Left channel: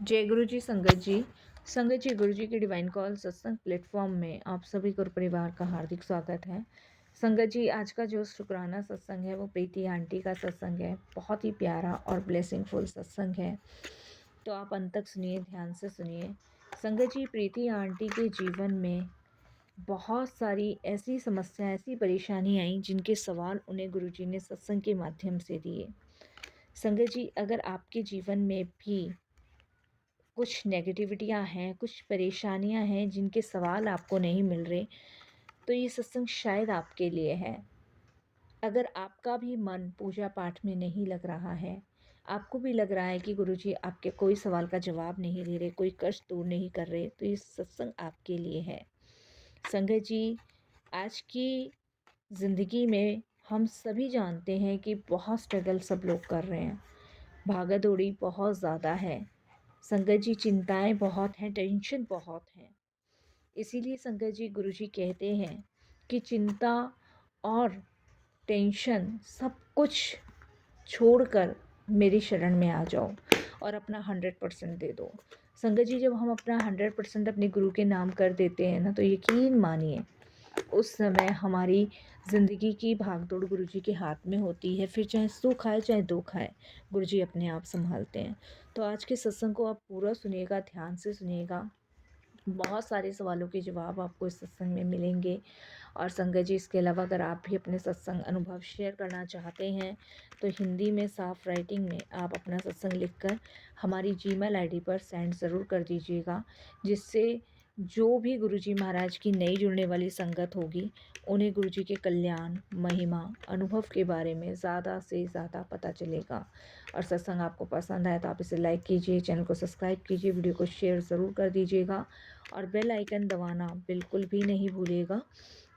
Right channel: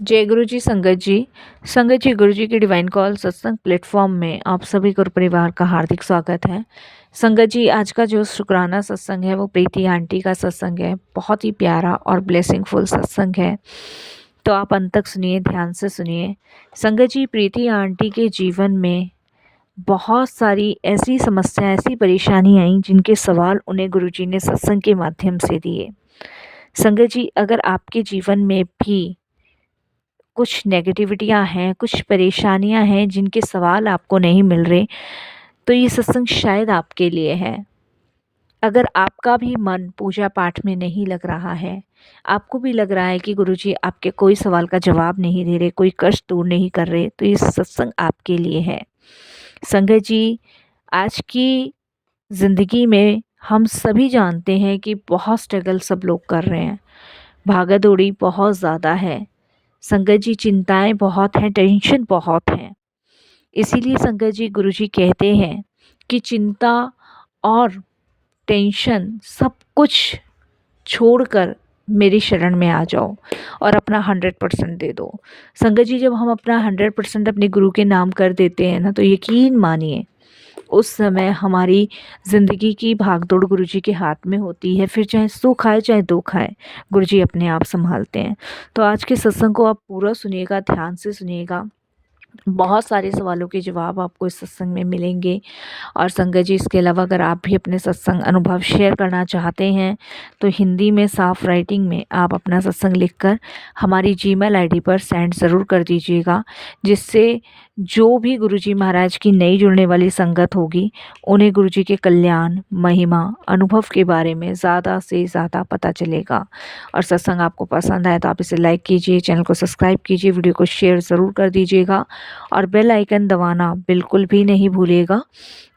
जय गुरु जी संगत जी गुरु जी की डिवाइन कॉल सत्संग प्लेटफॉर्म में आप सभी गुरु परिवार का हार्दिक स्वागत है। संगत जी, आज का जो शुक्राना सत्संग है वो प्रीति आंटी का सत्संग है। बहुत ही प्यारा और ब्लेसिंगफुल सत्संग है, तो आप अंत तक सुनिए, ध्यान से सुनिए। संगत जी, प्रीति आंटी के जीवन में बहुत सारी ऐसी समस्या, ऐसी परेशानी आई जिनके सवाल उन्हें गुरु जी ने सत्संग के माध्यम से दिए। संगत जी, अगर आपके जीवन में भी कुछ नेगेटिविटियाँ हैं, कुछ परेशानियाँ हैं जिनके सवाल आपको नहीं मिल रहे, तो ये सत्संग शायद आपके लिए है। अगर आपका भी मन पूजा पाठ में नहीं लग रहा है, आपको भी लग रहा है कि गुरुजी आपके कोई सवाल का जवाब नहीं दे रहे, कोई कष्ट दूर नहीं कर रहे, तो ये सत्संग आपके लिए है। संगत जी, आज की ज़िंदगी में हम सभी जानते हैं कि बहुत स्ट्रगल सब लोग कर रहे हैं, भागा दौड़ी बहुत ज़्यादा है। संगत जी, चिंताएं बहुत हैं, टेंशन बहुत हैं। इसीलिए संगत जी, गुरुजी कहते हैं कि चिंता और टेंशन सब कुछ छोड़कर मेरी शरण में आ जाओ और अपना 100% दे दो। संगत जी, जब हम अपना 100% अपने गुरु के नाम कर देते हैं ना, तो यकीन मानिए उस समय हमारी ज़िंदगी की भागदौड़ गुरुजी के हाथ में होती है। फिर चाहे सुख आए चाहे दुख आए, गुरुजी अपने आप संभालते हैं। तो आज के सत्संग को आप पूरा सुनिएगा, ध्यान से सुनिएगा। बहुत सारे सवालों के जवाब आपको इस सत्संग में मिलेंगे। और संगत जी, इसके अलावा अगर आप भी अपने सत्संग अनुभव शेयर करना चाहते हैं तो हिंदी में साफ राइटिंग में आप अपना सत्संग लिखकर हमारी जीमेल आईडी पर सेंड ज़रूर कर दीजिएगा, जिससे जो भी गुरुजी महाराज की नई जुड़ने वाली संगत होगी उन्हें गुरुजी के कल्याण, महिमा, अनुभव के बारे में ज़्यादा से ज़्यादा पता चलेगा। और सत्संग आपको पसंद आए तो आप इसे लाइक कीजिए, चैनल को सब्सक्राइब कीजिए, वीडियो को शेयर ज़रूर कर दीजिएगा और बेल आइकन दबाना बिल्कुल भी नहीं भूलिएगा,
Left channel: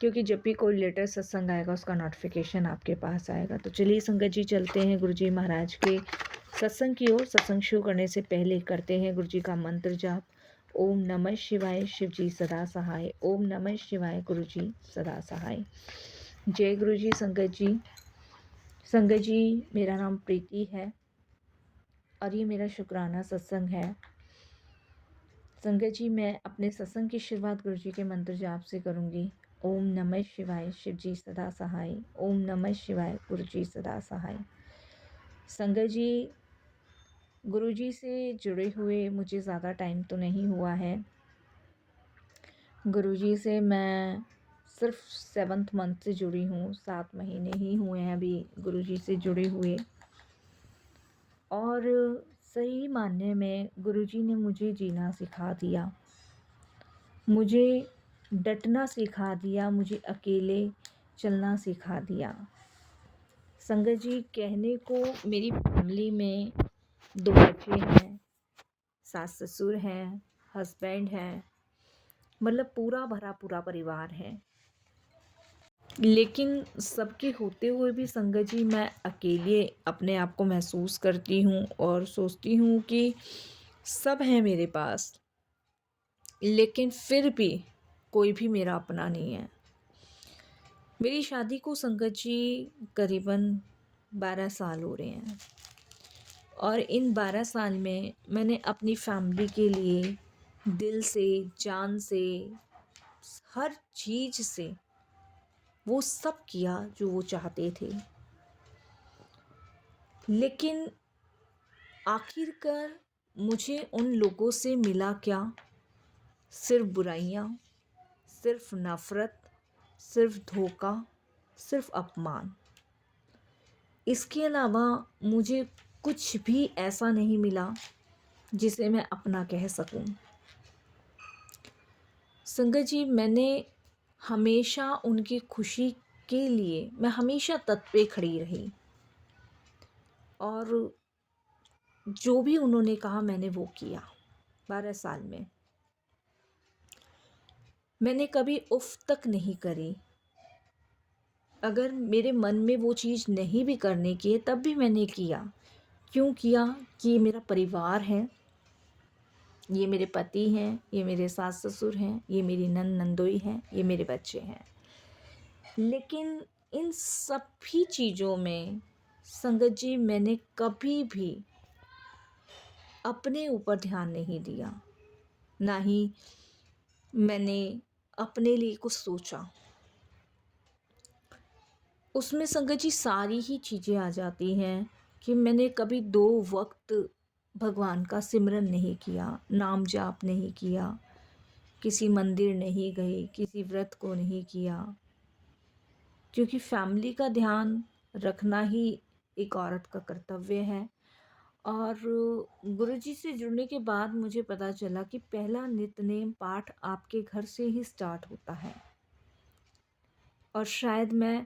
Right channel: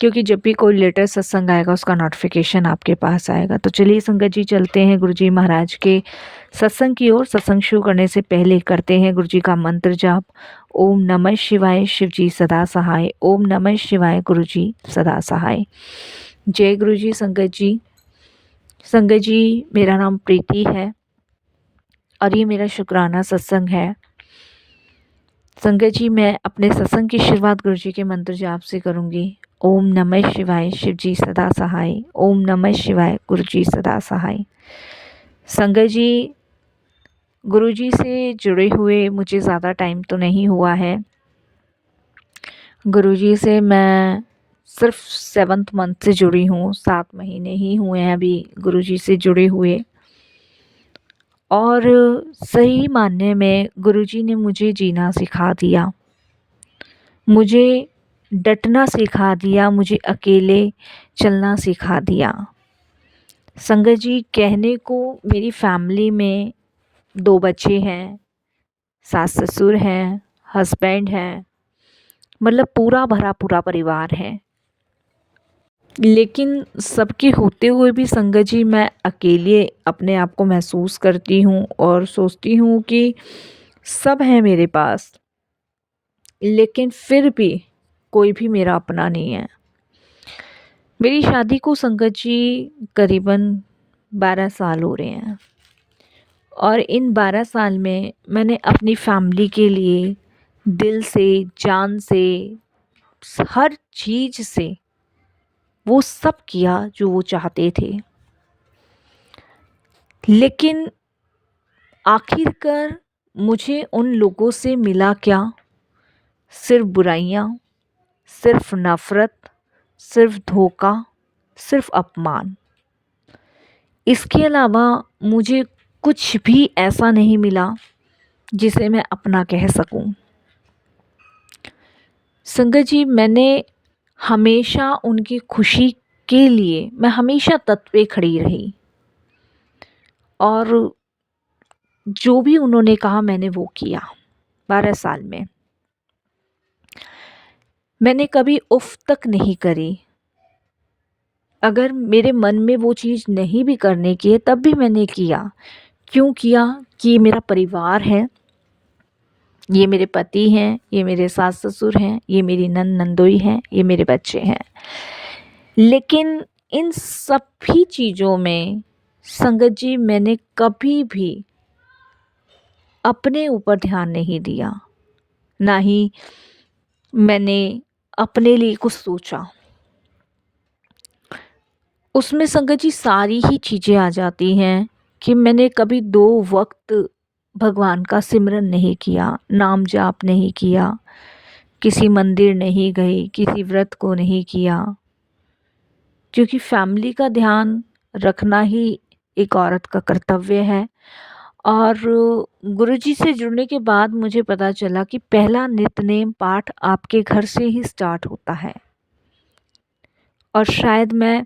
क्योंकि जब भी कोई लेटेस्ट सत्संग आएगा उसका नोटिफिकेशन आपके पास आएगा। तो चलिए संगत जी, चलते हैं गुरुजी महाराज के सत्संग की ओर। सत्संग शुरू करने से पहले करते हैं गुरुजी का मंत्र जाप। ओम नमः शिवाय, शिव जी सदा सहाय। ओम नमः शिवाय, गुरुजी सदा सहाय। जय गुरुजी। संगत जी, मेरा नाम प्रीति है और ये मेरा शुक्राना सत्संग है। संगत जी, मैं अपने सत्संग की शुरुआत गुरुजी के मंत्र जाप से करूंगी। ओम नमः शिवाय, शिव जी सदा सहाय। ओम नमः शिवाय, गुरुजी सदा सहाय। संगत जी, गुरुजी से जुड़े हुए मुझे ज़्यादा टाइम तो नहीं हुआ है। गुरुजी से मैं सिर्फ 7th मंथ से जुड़ी हूँ, 7 महीने ही हुए हैं अभी गुरुजी से जुड़े हुए। और सही मानने में गुरुजी ने मुझे जीना सिखा दिया, मुझे डटना सिखा दिया, मुझे अकेले चलना सिखा दिया। संगत जी, कहने को मेरी फैमिली में 2 बच्चे हैं, सास ससुर हैं, हस्बैंड हैं, मतलब पूरा भरा पूरा परिवार है। लेकिन सबके होते हुए भी संगत जी, मैं अकेले अपने आप को महसूस करती हूँ और सोचती हूँ कि सब है मेरे पास, लेकिन फिर भी कोई भी मेरा अपना नहीं है। मेरी शादी को संगत जी करीबन 12 साल हो रहे हैं और इन 12 साल में मैंने अपनी फैमिली के लिए दिल से, जान से, हर चीज़ से वो सब किया जो वो चाहते थे। लेकिन आखिरकार मुझे उन लोगों से मिला क्या? सिर्फ बुराइयाँ, सिर्फ नफ़रत, सिर्फ धोखा, सिर्फ अपमान। इसके अलावा मुझे कुछ भी ऐसा नहीं मिला जिसे मैं अपना कह सकूं। संगत जी, मैंने हमेशा उनकी खुशी के लिए मैं हमेशा तत्पे खड़ी रही और जो भी उन्होंने कहा मैंने वो किया। 12 साल में मैंने कभी उफ़ तक नहीं करी। अगर मेरे मन में वो चीज़ नहीं भी करने की है तब भी मैंने किया। क्यों किया? कि ये मेरा परिवार है, ये मेरे पति हैं, ये मेरे सास ससुर हैं, ये मेरी नंदोई हैं, ये मेरे बच्चे हैं। लेकिन इन सभी चीज़ों में संगत जी, मैंने कभी भी अपने ऊपर ध्यान नहीं दिया, ना ही मैंने अपने लिए कुछ सोचा। उसमें संगत जी सारी ही चीज़ें आ जाती हैं कि मैंने कभी 2 वक़्त भगवान का सिमरन नहीं किया, नाम जाप नहीं किया, किसी मंदिर नहीं गई, किसी व्रत को नहीं किया, क्योंकि फैमिली का ध्यान रखना ही एक औरत का कर्तव्य है। और गुरुजी से जुड़ने के बाद मुझे पता चला कि पहला नित्य-नेम पाठ आपके घर से ही स्टार्ट होता है। और शायद मैं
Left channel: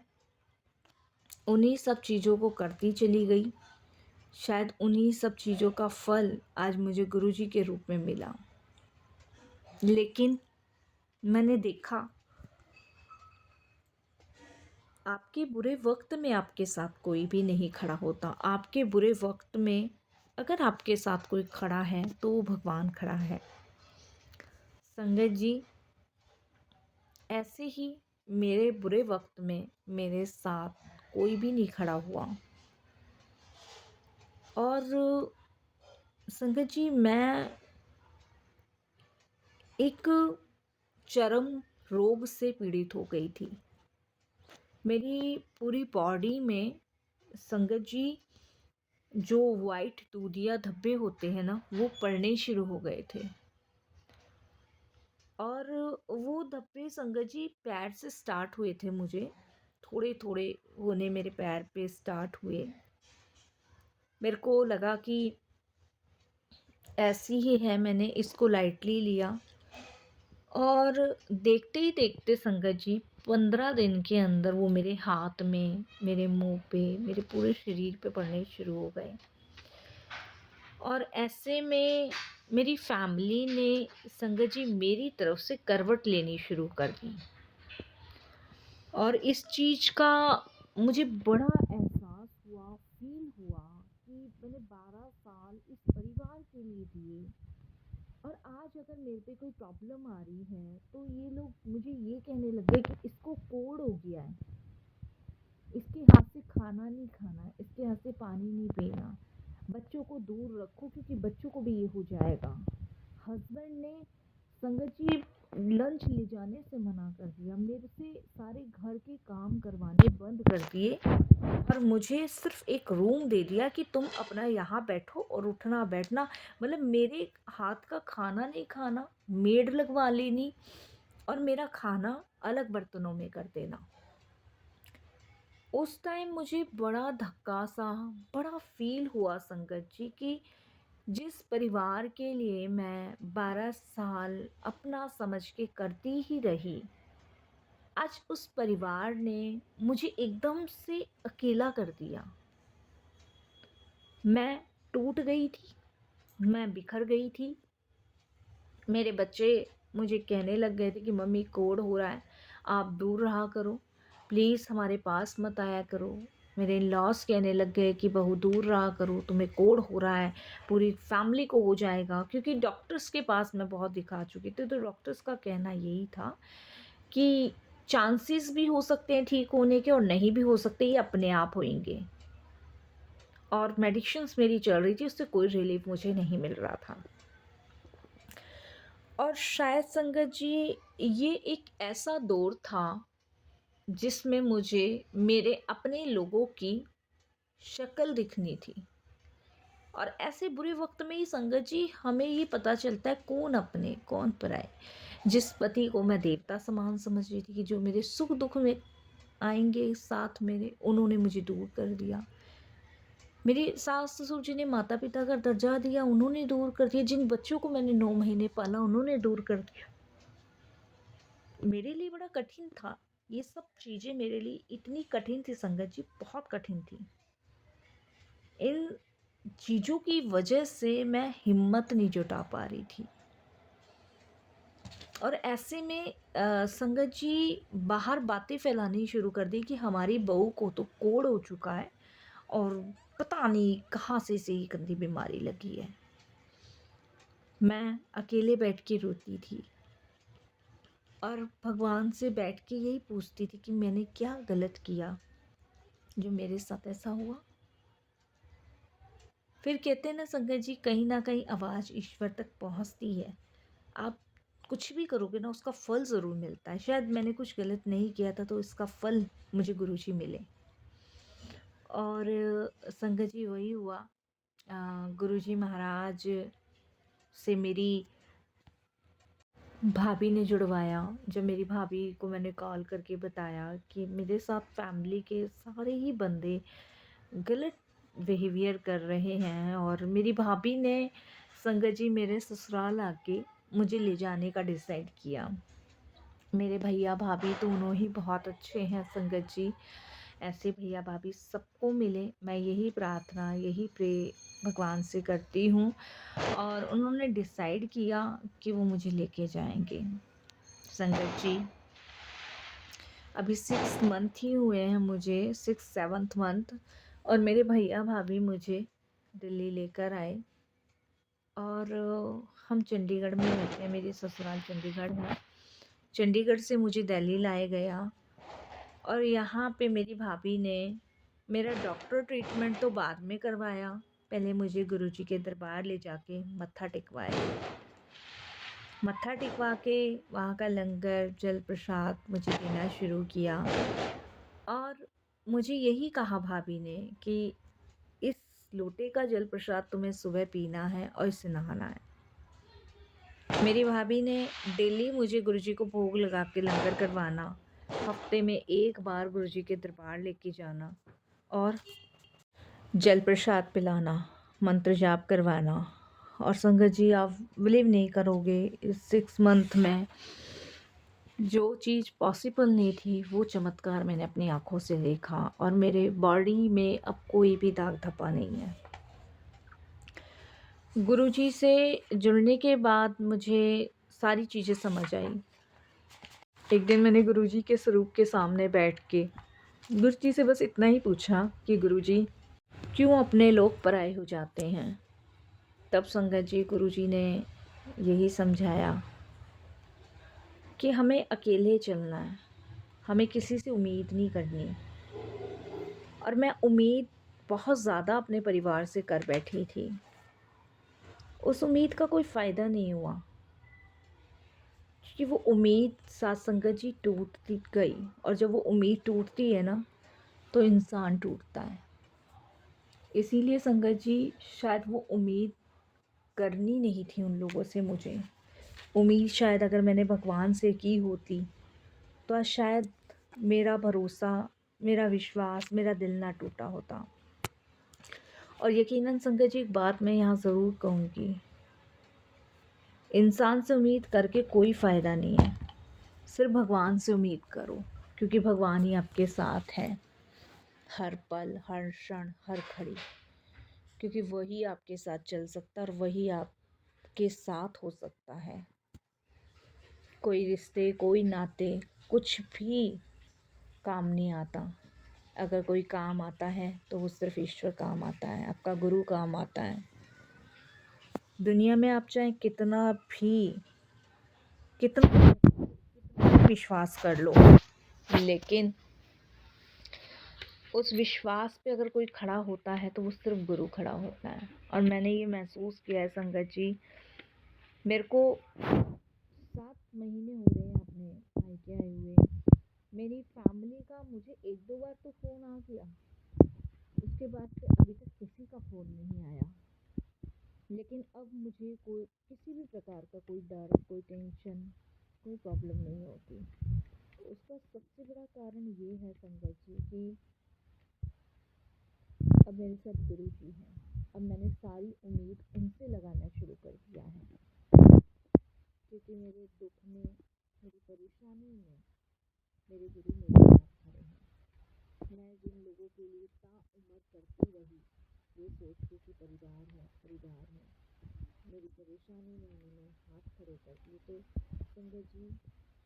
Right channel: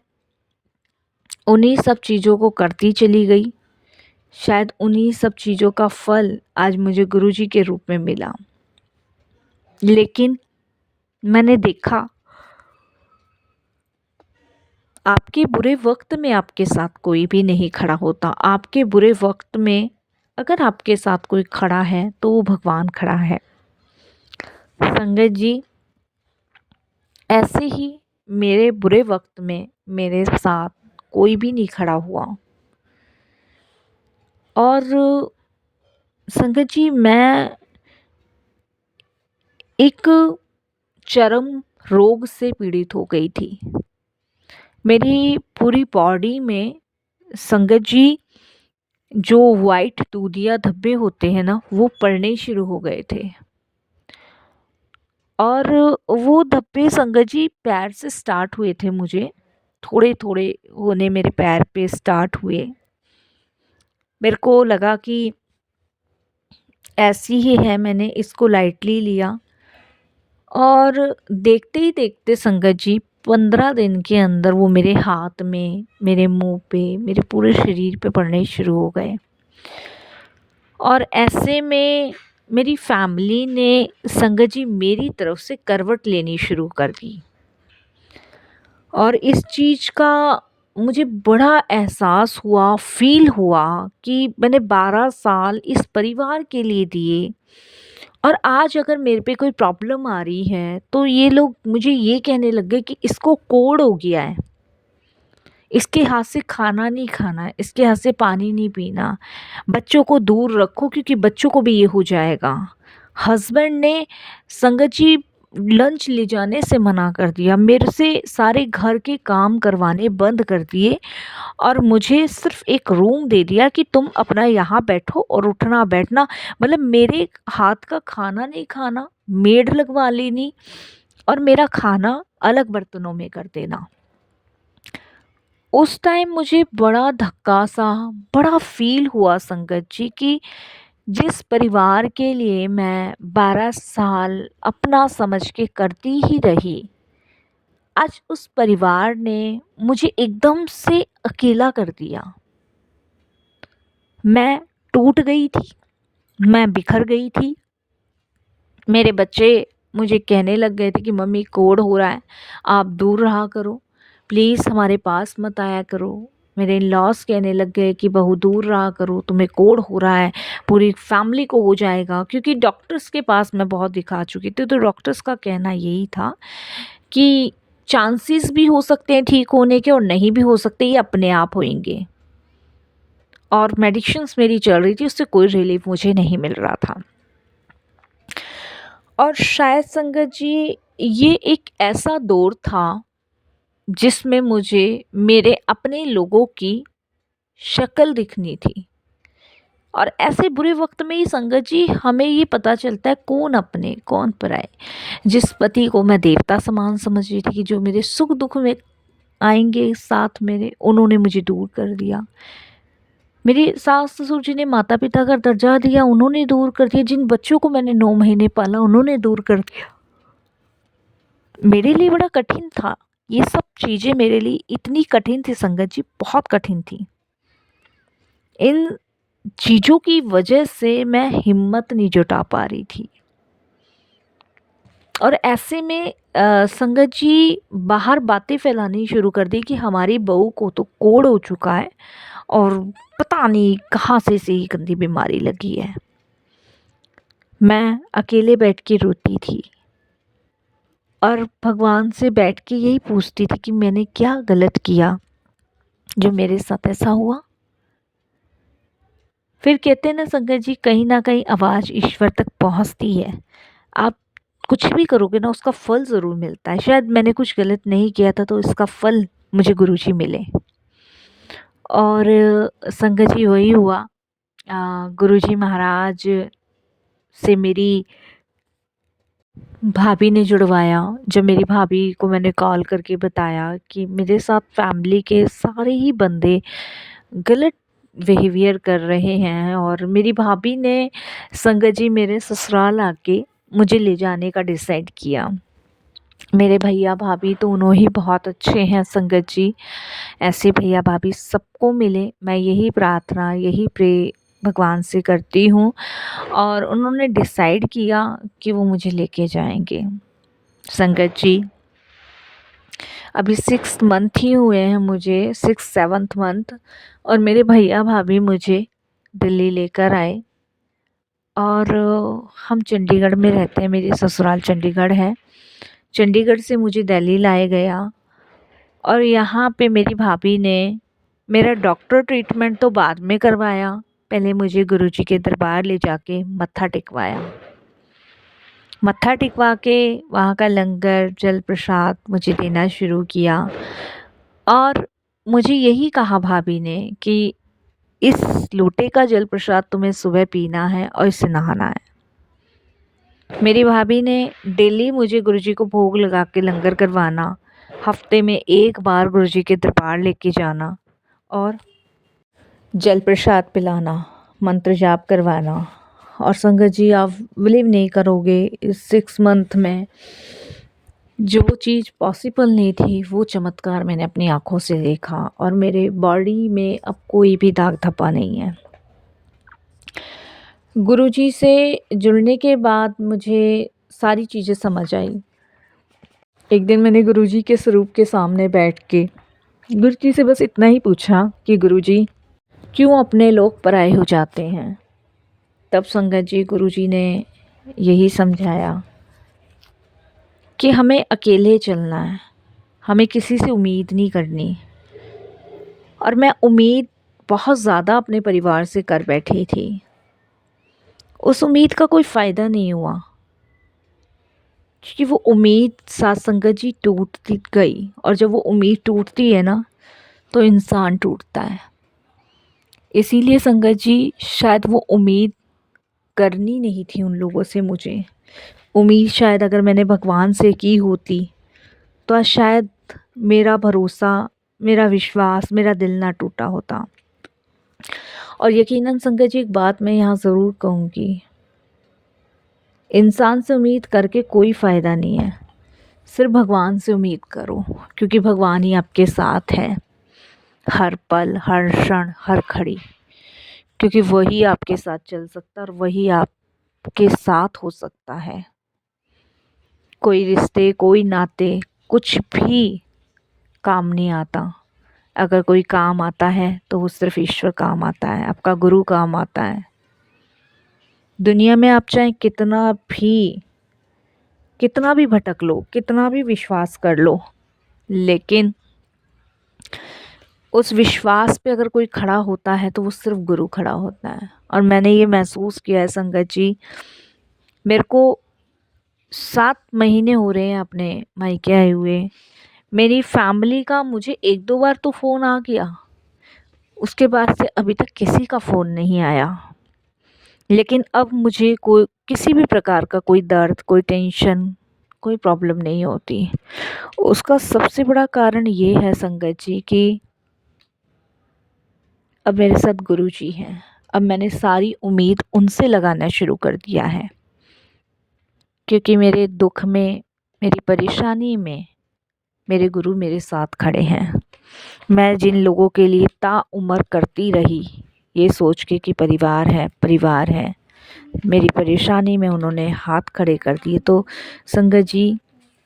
उन्हीं सब चीज़ों को करती चली गई। शायद उन्हीं सब चीज़ों का फल आज मुझे गुरुजी के रूप में मिला। लेकिन मैंने देखा, आपके बुरे वक़्त में आपके साथ कोई भी नहीं खड़ा होता। आपके बुरे वक़्त में अगर आपके साथ कोई खड़ा है तो वो भगवान खड़ा है। संगत जी, ऐसे ही मेरे बुरे वक़्त में मेरे साथ कोई भी नहीं खड़ा हुआ। और संगत जी, मैं एक चरम रोग से पीड़ित हो गई थी। मेरी पूरी बॉडी में संगत जी जो वाइट दूधिया धब्बे होते हैं ना, वो पड़ने शुरू हो गए थे। और वो धब्बे संगत जी पैर से स्टार्ट हुए थे मुझे, थोड़े-थोड़े होने मेरे पैर पे स्टार्ट हुए। मेरे को लगा कि ऐसी ही है, मैंने इसको लाइटली लिया। और देखते ही देखते संगत जी 15 दिन के अंदर वो मेरे हाथ में, मेरे मुंह पे, मेरे पूरे शरीर पे पड़ने शुरू हो गए। और ऐसे में मेरी फैमिली ने संगत जी मेरी तरफ से करवट लेनी शुरू कर दी। और इस चीज़ का मुझे बड़ा एहसास हुआ, फ़ील हुआ कि मैंने 12 साल इस परिवार के लिए दिए, और आज अगर मेरे पे कोई प्रॉब्लम आ रही है तो ये लोग मुझे ये कहने लग गए कि इसको कोढ़ हो गया है, इसके हाथ से खाना नहीं खाना है, इसके हाथ से पानी नहीं पीना, बच्चों को दूर रखो क्योंकि बच्चों को भी ये हो जाएगा। हस्बैंड ने संगत जी लंच ले जाने से मना कर दिया, मेरे से सारे घर के काम करवाने बंद कर दिए, और मुझे सिर्फ एक रूम दे दिया कि तुम अपना यहाँ बैठो और उठना बैठना, मतलब मेरे हाथ का खाना नहीं खाना, मेड लगवा लेनी, और मेरा खाना अलग बर्तनों में कर देना। उस टाइम मुझे बड़ा धक्का सा, बड़ा फील हुआ संगत जी कि जिस परिवार के लिए मैं 12 साल अपना समझ के करती ही रही, आज उस परिवार ने मुझे एकदम से अकेला कर दिया। मैं टूट गई थी, मैं बिखर गई थी। मेरे बच्चे मुझे कहने लग गए थे कि मम्मी कोढ़ हो रहा है, आप दूर रहा करो, प्लीज़ हमारे पास मत आया करो। मेरे इन-लॉज़ कहने लग गए कि बहू दूर रहा करो, तुम्हें कोढ़ हो रहा है, पूरी फैमिली को हो जाएगा। क्योंकि डॉक्टर्स के पास मैं बहुत दिखा चुकी थी, तो डॉक्टर्स का कहना यही था कि चांसेस भी हो सकते हैं ठीक होने के और नहीं भी हो सकते, ये अपने आप होएंगे। और मेडिसिन्स मेरी चल रही थी, उससे कोई रिलीफ मुझे नहीं मिल रहा था। और शायद संगत जी ये एक ऐसा दौर था जिसमें मुझे मेरे अपने लोगों की शक्ल दिखनी थी। और ऐसे बुरे वक्त में ही संगत जी हमें ये पता चलता है कौन अपने कौन पराए। जिस पति को मैं देवता समान समझ रही थी कि जो मेरे सुख दुख में आएंगे साथ मेरे, उन्होंने मुझे दूर कर दिया। मेरे सास ससुर जी ने माता पिता का दर्जा दिया, उन्होंने दूर कर दिया। जिन बच्चों को मैंने 9 महीने पाला, उन्होंने दूर कर दिया। मेरे लिए बड़ा कठिन था, ये सब चीज़ें मेरे लिए इतनी कठिन थी संगत जी, बहुत कठिन थी। इन चीज़ों की वजह से मैं हिम्मत नहीं जुटा पा रही थी। और ऐसे में संगत जी बाहर बातें फैलानी शुरू कर दी कि हमारी बहू को तो कोढ़ हो चुका है और पता नहीं कहाँ से ये गंदी बीमारी लगी है। मैं अकेले बैठ के रोती थी और भगवान से बैठ के यही पूछती थी कि मैंने क्या गलत किया जो मेरे साथ ऐसा हुआ। फिर कहते हैं ना संगत जी, कहीं ना कहीं आवाज़ ईश्वर तक पहुंचती है। आप कुछ भी करोगे ना, उसका फल ज़रूर मिलता है। शायद मैंने कुछ गलत नहीं किया था तो इसका फल मुझे गुरुजी मिले। और संगत जी वही हुआ। गुरुजी महाराज से मेरी भाभी ने जुड़वाया। जब मेरी भाभी को मैंने कॉल करके बताया कि मेरे साथ फैमिली के सारे ही बंदे गलत बिहेवियर कर रहे हैं, और मेरी भाभी ने संगत जी मेरे ससुराल आके मुझे ले जाने का डिसाइड किया। मेरे भैया भाभी दोनों ही बहुत अच्छे हैं संगत जी। ऐसे भैया भाभी सबको मिले, मैं यही प्रार्थना, यही प्रे भगवान से करती हूँ। और उन्होंने डिसाइड किया कि वो मुझे लेके जाएंगे। संगत जी अभी 6 मंथ ही हुए हैं मुझे, 6-7 मंथ, और मेरे भैया भाभी मुझे दिल्ली लेकर आए। और हम चंडीगढ़ में रहते हैं, मेरी ससुराल चंडीगढ़ है। चंडीगढ़ से मुझे दिल्ली लाया गया, और यहाँ पे मेरी भाभी ने मेरा डॉक्टर ट्रीटमेंट तो बाद में करवाया, पहले मुझे गुरुजी के दरबार ले जाके मत्था टेकवाया। मत्था टिकवा के वहाँ का लंगर जल प्रसाद मुझे देना शुरू किया, और मुझे यही कहा भाभी ने कि इस लोटे का जल प्रसाद तुम्हें सुबह पीना है और इससे नहाना है। मेरी भाभी ने डेली मुझे गुरुजी को भोग लगा के लंगर करवाना, हफ्ते में एक बार गुरुजी के दरबार लेके जाना और जल प्रसाद पिलाना, मंत्र जाप करवाना। और संगत जी आप बिलीव नहीं करोगे, इस 6 मंथ में जो चीज़ पॉसिबल नहीं थी वो चमत्कार मैंने अपनी आँखों से देखा, और मेरे बॉडी में अब कोई भी दाग धब्बा नहीं है। गुरुजी से जुड़ने के बाद मुझे सारी चीज़ें समझ आई। एक दिन मैंने गुरुजी के स्वरूप के सामने बैठ के गुरुजी से बस इतना ही पूछा कि गुरुजी क्यों अपने लोग पराए हो जाते हैं। तब संगत जी गुरुजी ने यही समझाया कि हमें अकेले चलना है, हमें किसी से उम्मीद नहीं करनी। और मैं उम्मीद बहुत ज़्यादा अपने परिवार से कर बैठी थी, उस उम्मीद का कोई फ़ायदा नहीं हुआ, क्योंकि वो उम्मीद साथ संगत जी टूटती गई। और जब वो उम्मीद टूटती है ना, तो इंसान टूटता है। इसीलिए संगत जी शायद वो उम्मीद करनी नहीं थी उन लोगों से मुझे। उम्मीद शायद अगर मैंने भगवान से की होती तो आज शायद मेरा भरोसा, मेरा विश्वास, मेरा दिल ना टूटा होता। और यकीनन संगत जी एक बात मैं यहाँ ज़रूर कहूँगी, इंसान से उम्मीद करके कोई फ़ायदा नहीं है, सिर्फ भगवान से उम्मीद करो, क्योंकि भगवान ही आपके साथ है हर पल, हर क्षण, हर घड़ी। क्योंकि वही आपके साथ चल सकता है और वही आपके साथ हो सकता है। कोई रिश्ते, कोई नाते, कुछ भी काम नहीं आता। अगर कोई काम आता है तो वो सिर्फ ईश्वर काम आता है, आपका गुरु काम आता है। दुनिया में आप चाहे कितना भी भटक लो, कितना भी विश्वास कर लो, लेकिन उस विश्वास पे अगर कोई खड़ा होता है तो वो सिर्फ गुरु खड़ा होता है। और मैंने ये महसूस किया है संगत जी, मेरे को 7 महीने हो रहे हैं अपने मायके आए हुए। मेरी फैमिली का मुझे 1-2 बार तो फ़ोन आ गया, उसके बाद से अभी तक किसी का फ़ोन नहीं आया। लेकिन अब मुझे कोई किसी भी प्रकार का कोई दर्द, कोई टेंशन, कोई प्रॉब्लम नहीं होती। उसका सबसे बड़ा कारण ये है संगत जी कि अब मेरे साथ गुरुजी हैं। अब मैंने सारी उम्मीद उनसे लगाना शुरू कर दिया है, क्योंकि मेरे दुख में, मेरी परेशानी में मेरे गुरु मेरे साथ खड़े हैं। मैं जिन लोगों के लिए ताउम्र करती रही ये सोच के कि परिवार है, परिवार है, मेरी परेशानी में उन्होंने हाथ खड़े कर दिए। तो संगत जी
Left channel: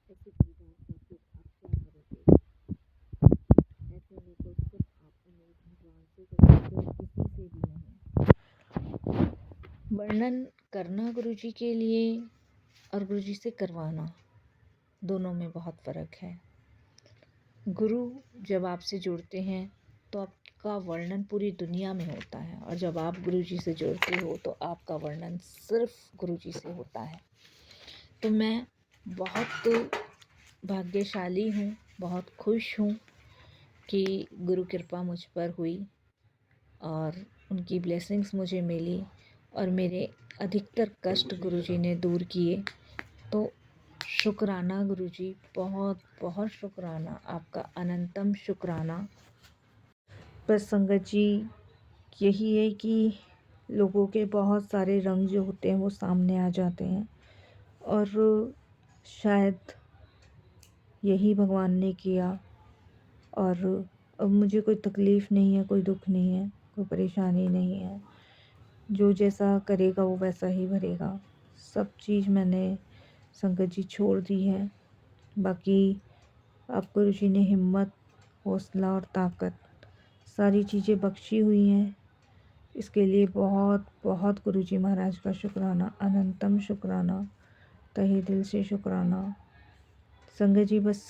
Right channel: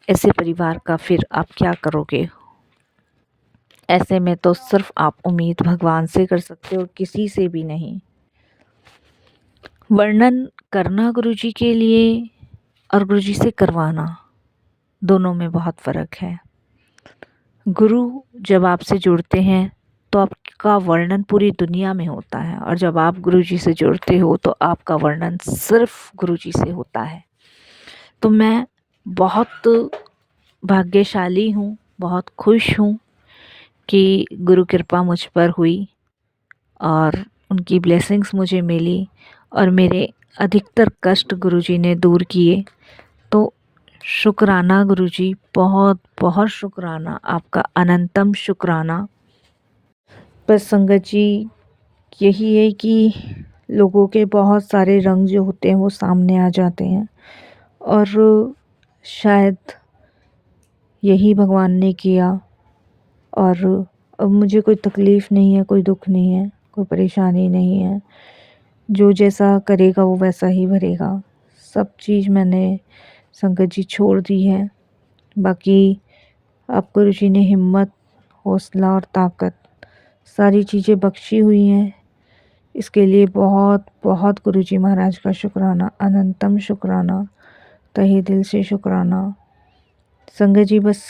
ऐसे परिवार का फिर आप क्या करोगे। ऐसे में तो सिर्फ आप उम्मीद भगवान से कर सकते हो, किसी से भी नहीं। वर्णन करना गुरुजी के लिए और गुरुजी से करवाना, दोनों में बहुत फ़र्क है। गुरु जब आपसे जुड़ते हैं तो आप का वर्णन पूरी दुनिया में होता है, और जब आप गुरुजी से जुड़ते हो तो आपका वर्णन सिर्फ गुरुजी से होता है। तो मैं बहुत भाग्यशाली हूँ, बहुत खुश हूँ कि गुरु कृपा मुझ पर हुई और उनकी ब्लेसिंग्स मुझे मिली और मेरे अधिकतर कष्ट गुरुजी ने दूर किए। तो शुक्राना गुरुजी, बहुत बहुत शुक्राना, आपका अनंतम शुक्राना। बस संगत जी, यही है कि लोगों के बहुत सारे रंग जो होते हैं वो सामने आ जाते हैं, और शायद यही भगवान ने किया। और अब मुझे कोई तकलीफ़ नहीं है, कोई दुख नहीं है, कोई परेशानी नहीं है। जो जैसा करेगा वो वैसा ही भरेगा। सब चीज़ मैंने संगत जी छोड़ दी है। बाकी आपको ऋषि ने हिम्मत, हौसला और ताकत सारी चीज़ें बख्शी हुई हैं। इसके लिए बहुत बहुत गुरुजी महाराज का शुक्राना, अनंतम शुक्राना, तहे दिल से शुक्राना। संगत जी, बस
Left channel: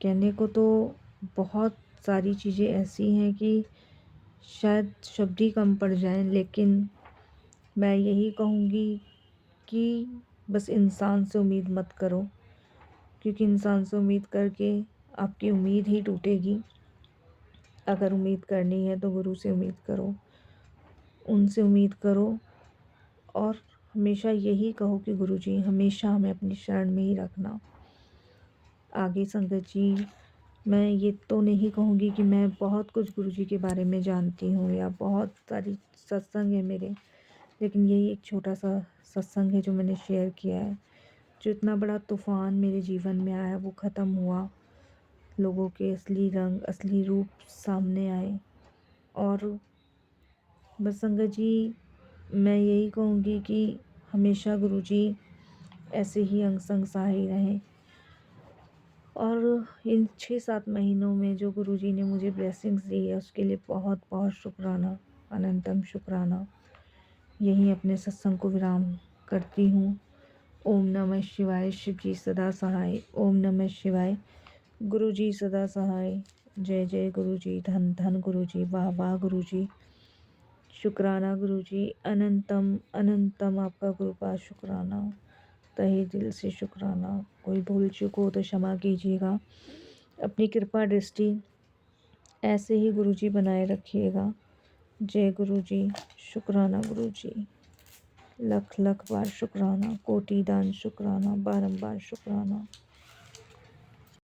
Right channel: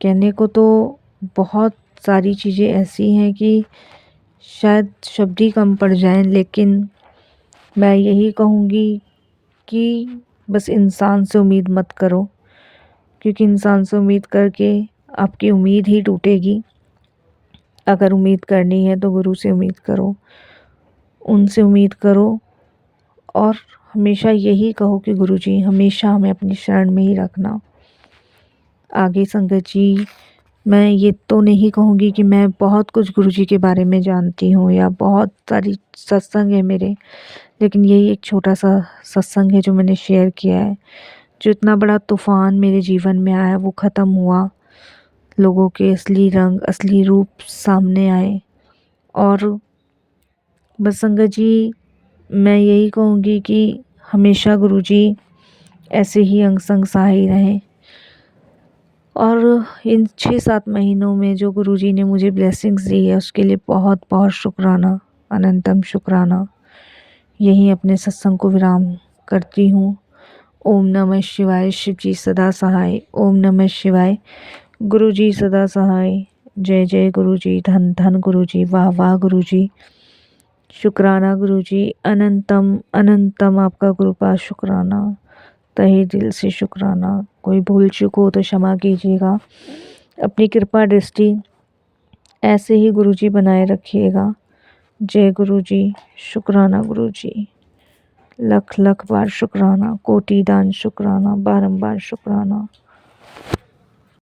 कहने को तो बहुत सारी चीज़ें ऐसी हैं कि शायद शब्द ही कम पड़ जाएं, लेकिन मैं यही कहूँगी कि बस इंसान से उम्मीद मत करो, क्योंकि इंसान से उम्मीद करके आपकी उम्मीद ही टूटेगी। अगर उम्मीद करनी है तो गुरु से उम्मीद करो, उनसे उम्मीद करो, और हमेशा यही कहो कि गुरुजी हमेशा हमें अपनी शरण में ही रखना। आगे संगत जी, मैं ये तो नहीं कहूँगी कि मैं बहुत कुछ गुरुजी के बारे में जानती हूँ या बहुत सारी सत्संग है मेरे, लेकिन यही एक छोटा सा सत्संग है जो मैंने शेयर किया है। जो इतना बड़ा तूफ़ान मेरे जीवन में आया वो ख़त्म हुआ, लोगों के असली रंग, असली रूप सामने आए। और बस संगत जी, मैं यही कहूँगी कि हमेशा गुरुजी ऐसे ही अंग संग सहाय रहें। और इन 6-7 महीनों में जो गुरुजी ने मुझे ब्लेसिंग्स दी है उसके लिए बहुत बहुत शुक्राना, अनंतम शुक्राना। यहीं अपने सत्संग को विराम करती हूँ। ओम नमः शिवाय। शिव जी सदा सहाय। ओम नमः शिवाय। गुरु जी सदा सहाय। जय जय गुरु जी, धन धन गुरु जी, वाह वाह गुरु जी, शुक्राना गुरु जी, अनंतम अनंतम आपका कृपा शुक्राना, तहे दिल से शुक्राना। कोई भूल चूक हो तो क्षमा कीजिएगा। अपनी कृपा दृष्टि ऐसे ही गुरु जी बनाए रखिएगा। जय गुरु जी, शुक्राना गुरु जी, लख लख बार शुक्राना, कोटि दान शुक्राना, बारंबार शुक्राना।